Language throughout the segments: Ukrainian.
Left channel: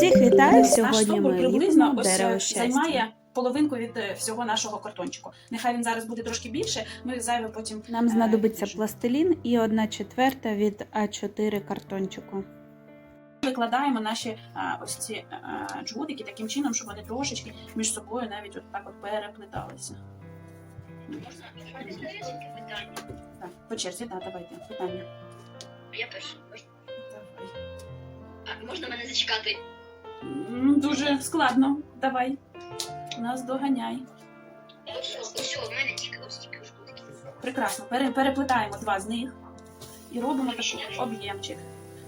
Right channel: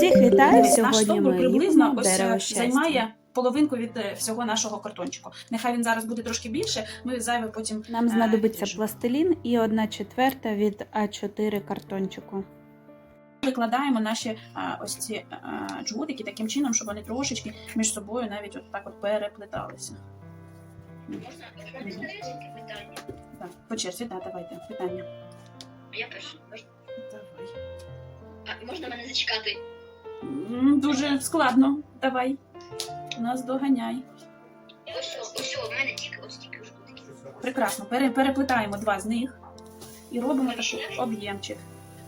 Всіх вітаю! Наш Сьогодні стовбур ми приблизно ось е, дерево щастя. займає половинку від е, всього нашого картончику. Нехай він зараз буде трошки більше, ми зайве потім Нам е, знадобиться ріжемо. пластилін і одна четверта від А4 картончику. викладаємо наші а, ось ці а, джгутики таким чином, щоб вони трошечки між собою навіть от так от переплеталися. Можна? Питання? Так, по черзі, да, давайте питання. Я. Можна? Давай. А, можна мене зачекати? Дуже складно. Давай. Нас доганяй. Прекрасно. Пере, переплетаємо два з них і робимо такий об'ємчик.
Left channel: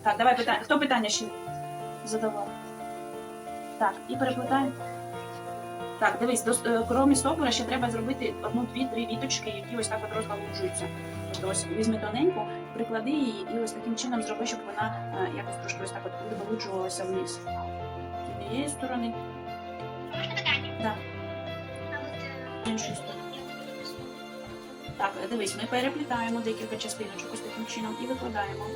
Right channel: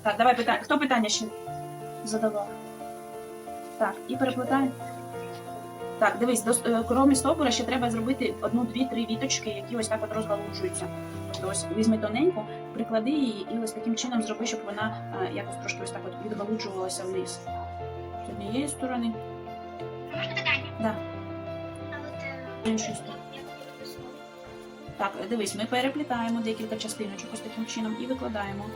Так, давай питання. Хто питання ще задавав? Так, і переплетаємо. Так, дивись, до, е, стовбура ще треба зробити одну, дві, три віточки, які ось так от розгалуджуються. Тобто ось візьми тоненьку, приклади її і ось таким чином зроби, щоб вона е, якось трошки ось так от відгалуджувалася вниз. З однієї сторони, А можна питання? Да. А от... е, іншої сторони. Так, е, дивись, ми переплітаємо декілька частиночок ось таким чином і викладаємо.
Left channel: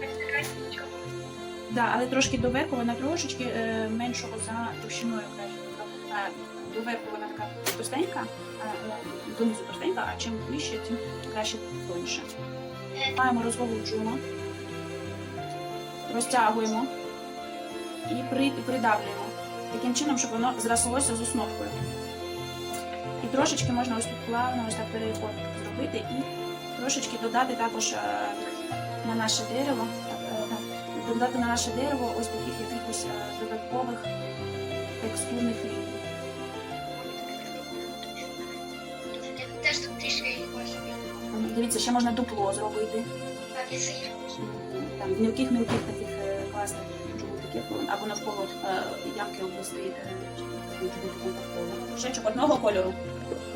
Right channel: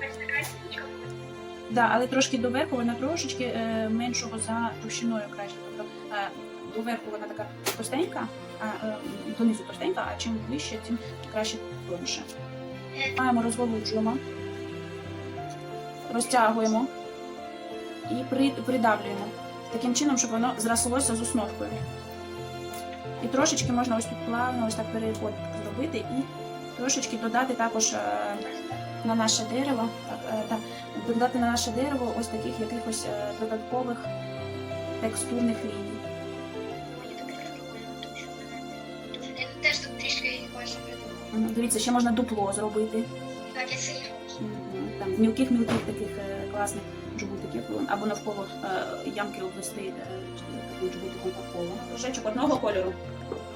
Да, але трошки доверху вона трошечки е, меншого за товщиною краще. Тобто е, доверху вона така товстенька, а е, донизу товстенька, а чим вище, тим краще тоньше. Маємо, розголуджуємо, розтягуємо і придавлюємо. Таким чином, щоб воно зрослося з основкою. І трошечки можна ось тут плавно ось так переход зробити і трошечки додати також е, на наше дерево. Так, е, так, додати на наше дерево ось таких якихось е, додаткових текстурних ліній. Теж тут трішки. Дивіться, ще можна дупло зробити. Там мілких мілких таких е, класних джгутиків або навколо е, ямки обвести е, таким джгутиком по колу. Кружечок одного кольору.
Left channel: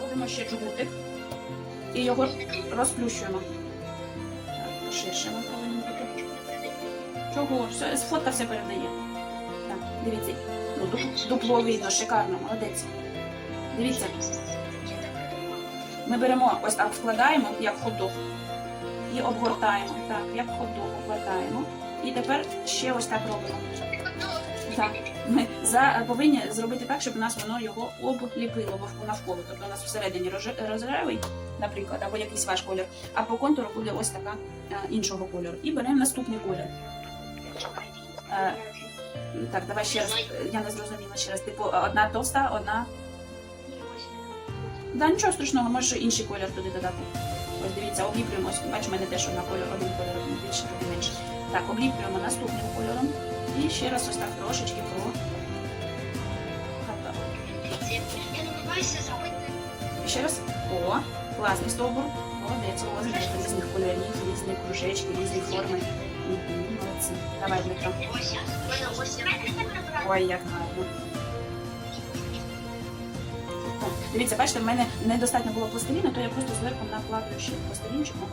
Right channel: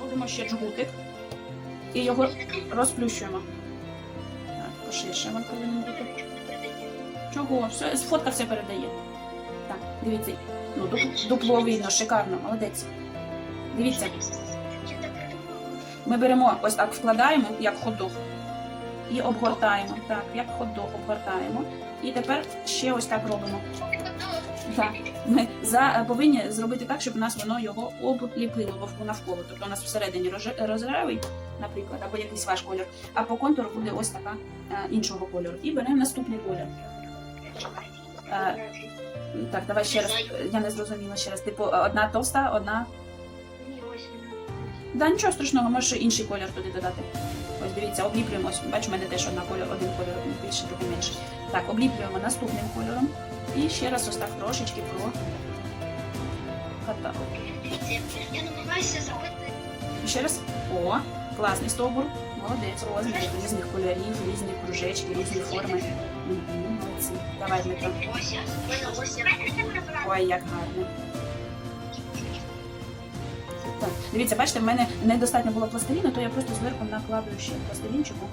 Робимо ще джгутик і його розплющуємо. Так, поширше він повинен бути. Чого? Все, фотка все передає. Так, дивіться. Ну, дупло видно, шикарно, молодець. Дивіться, ми беремо ось так, вкладаємо, як хот-дог, і обгортаємо. Так, як хот-дог обгортаємо. І тепер ще ось так робимо. Так. Ми за, повинні зробити так, щоб у нас воно його обліпило вовку навколо. Тобто у нас всередині роже- наприклад, або якийсь ваш колір, а по контуру буде ось така е, іншого кольору. І беремо наступний колір. Е, Так, давай ще раз. Е, Я не зрозуміла ще раз. Типу, одна товста, одна. Ні, ось. Да, нічого страшного, можеш інший колір туди додати. Ось дивіться, обліплюємо. Ось, Бач, у мене теж одна колір, один колір більше, другий менше. Так, обліплюємо наступним кольором. І ще раз ось так трошечки про катали. Я намагаюся зробити ще раз. О, класний стовбур. Молодець, розмір різних кольорів, різні кружечки, різні форми. Угу, молодці. Давай, Дмитро. Ой, як гарно. Так, Дивіться, бачите, в мене недостатньо було пластиліну, то я просто зверху накладую ще пластилінчику.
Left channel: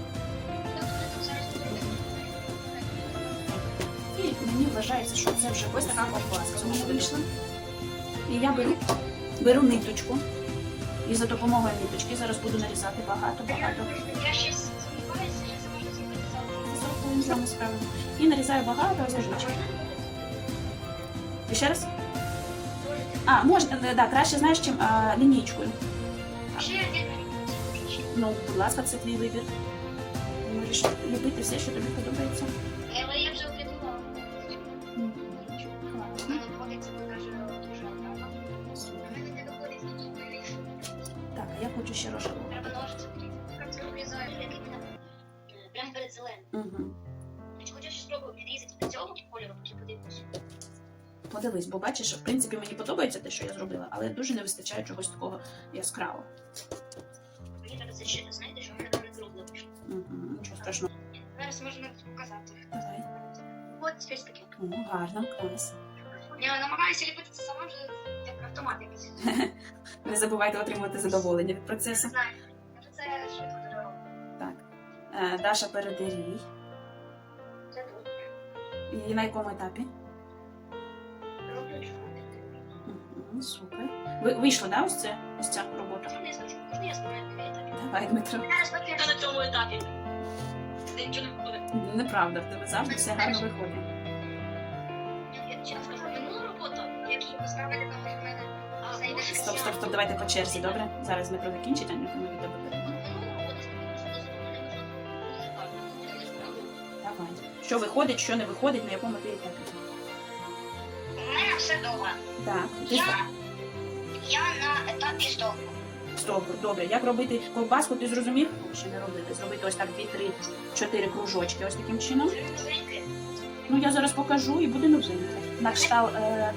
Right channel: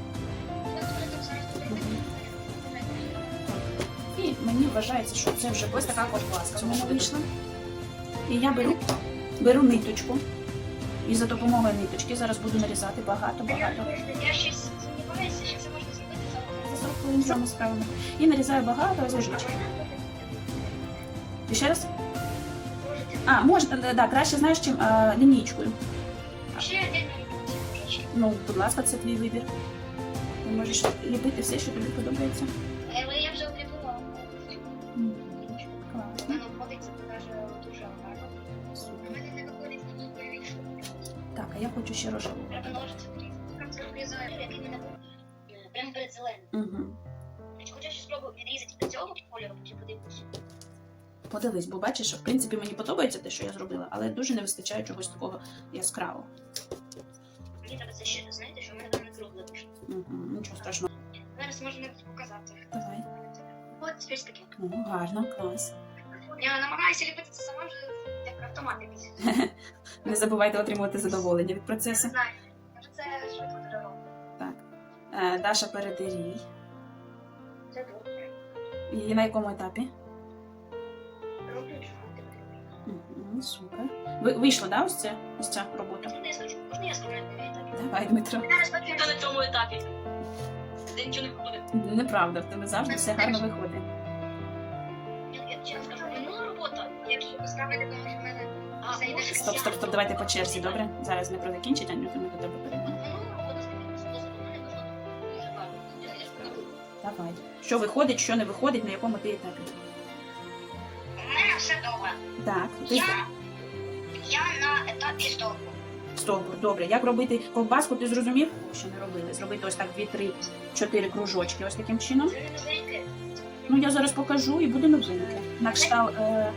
І мені вважається, що це вже ось така ковбаска у мене вийшла. І я беру, беру ниточку. І за допомогою ниточки зараз буду нарізати багато-багато. Я щось сумніваюся, що це можна зробити за За 40 хвилин справимо. І нарізаю багато ложечок. І ще раз? А, можна, да, да, краще знаєш, чим а, лінійкою. Ще один Ну, будь ласка, це твій вибір. Ти можеш любити все, що тобі подобається. Але я вже одну. Класно. Вона виходить, це покаже дуже гарно. У мене не виходить і не. Так, а я хочу ще рожеву. Треба ножиці який був. Е, Прямо перед зеленим. Угу. Хочу ще спробую відрізати до цього кольору, потім подивитися. Подивись, бо бачиш, в принципі, мені подобається те, що я зробила, але дуже не вистачає чогось такого яскравого. Мені треба це ще, знаєте, що в мене там не кругле вийшло. Угу, нічого страшного. Зараз можна навіть показати. Давай. От тепер таке. О, гарно, клас. Я намагаюся ліпити це сама вже як автомат якийсь. Не забувайте отримувати задоволення від процесу. знаю. Я це швидко дуже. Так. Е, Даша передерій. Це тут. І на якому етапі? Угу, супер. Ви, вийшло, да, ось це? Ось ця робота? Можна я скажу? На етапі? Давай, Дмитро. Зараз поки на цьому етапі. Ти нічого не виходить. Неправда, в тебе завжди все гарно виходить. Я, я чесно скажу, минула робота, як поставити, тому що в мене А, може, Стоп, стоп, стоп, давайте по черзі, добре? Зараз метро закінчить, Аню, то ми до тебе перейдемо. Давай. Що виходить, що не виходить, на якому ти етапі. Все добре. Так, Я, я на етапі стовпу. Стовбур, добре. Як робити ковбаску, ти зрозумів? О, ще не робили. Зробити ось так 2, 3, 4 кружочки, ось таким чином. Ну, я зараз покажу і буде новинка. На кшталт е,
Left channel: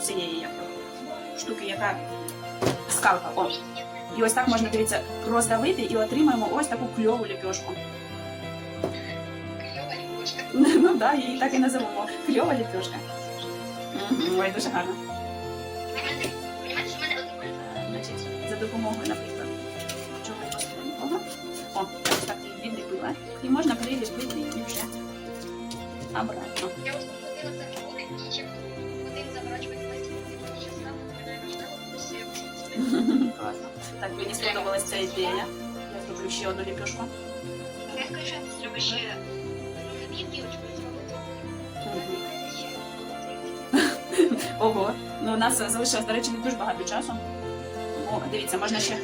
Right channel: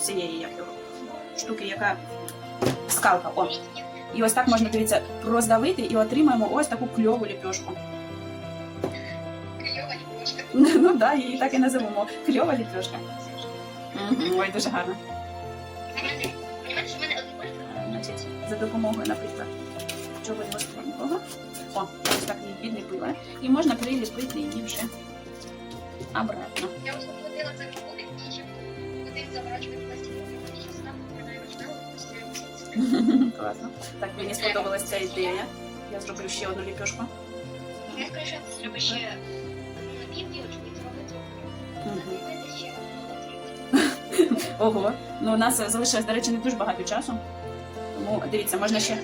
цієї, як його, штуки, яка скалка. О. І ось так можна, дивіться, роздавити і отримаємо ось таку кльову ліпьошку. Кльова ліпошка. Ну так, да, її так і називемо. Кльова ліпьошка. Мгм, Ой, дуже гарно. У що в мене. Е, Значить, за допомогою, наприклад, чогось гостренького. О, ось так її відліпила. І можна приліпити її вже обратно. Я ось поплатила за відходи, і чим один заворачувати пластик, мені ще став, мене Класно. Так, мені сподобалася ця ідея. Я зроблю ще одну ліпьошку. Я скоріше зроблю ще одну напівдівочку і зробити. Мгм. Ого. Ну, у нас залишилось, до речі, не дуже багато часу. Тому дивіться, можна ще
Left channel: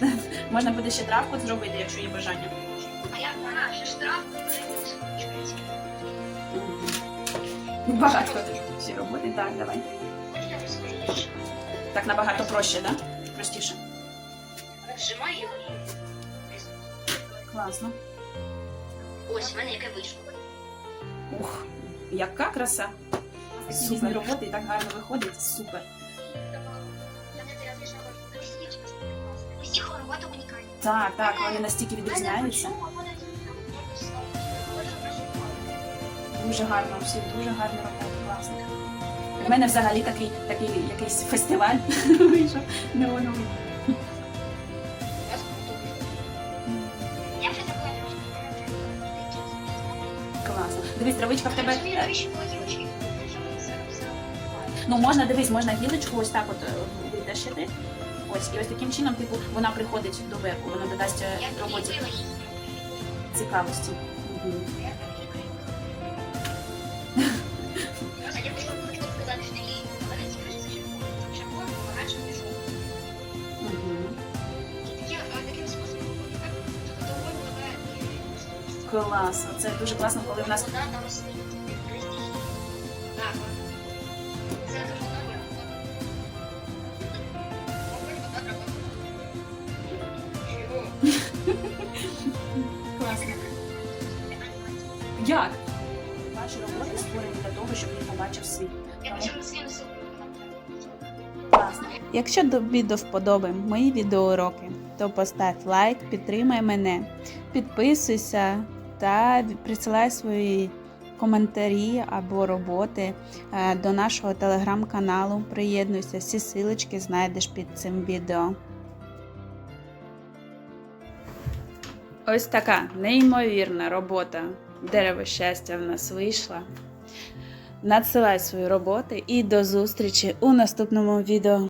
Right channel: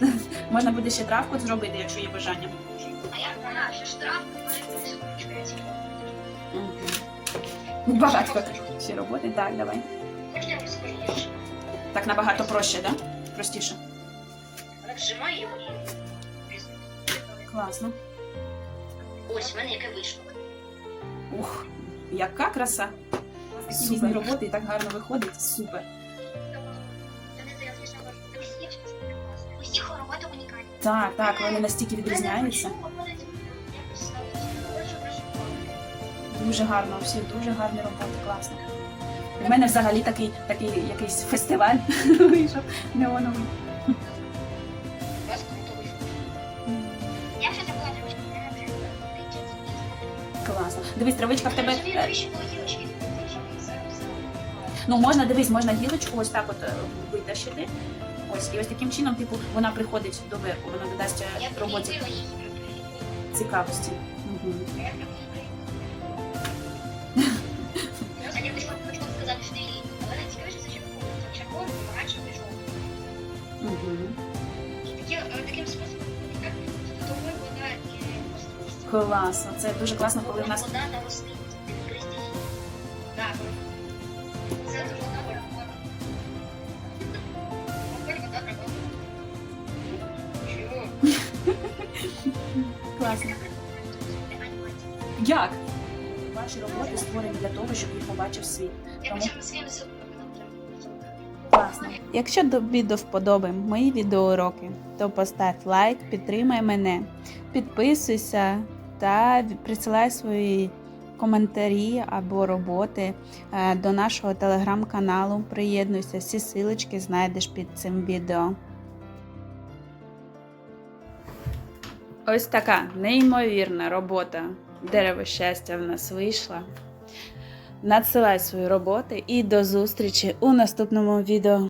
можна буде ще травку зробити, якщо є бажання. А я. Ну, Багато ще роботи. Так, давай. Так набагато проще, да? Простіше. Так, його і... Класно. Ось, в мене яке вийшло. Ух, яка краса! Такі різні роботи і так гарно виходить. Супер. Усіх робота унікальна. Так, так, вони настільки відрізняються. Дуже гарно, всі дуже гарні роботи, класно. У мене взагалі такий, такий якийсь фестиваль вийшов неоновий. Класно. Дивись, травичка в тебе. Ну, можна дивись, можна гілочку ось так от е, витащити. Ось, і ось таким чином, типу, вона приходить до верху, вона додасть е, роботі цікавості. Угу. Там. А я б сказати, що її, але не цікавіше помаранчевий жовтий. Угу. І такі- е, таким способом доволі вода і. Класно. Це дуже класно, коли в нас Вода та рослинність. Класно. Як? Ваші роботи створені для того, щоб їх побачив світ. Тому-. Класно. Якщо тобі до вподоби мої відеоуроки, то постав лайк, підтримай мене, підписуйся та присилай свої коментарі або роботи е, до нашого телеграм-каналу. Приєднуйся, всі силочки знайдеш під цим відео. Ось така неймовірна робота дерево щастя в нас вийшла. Надсилай свої роботи і до зустрічі у наступному відео.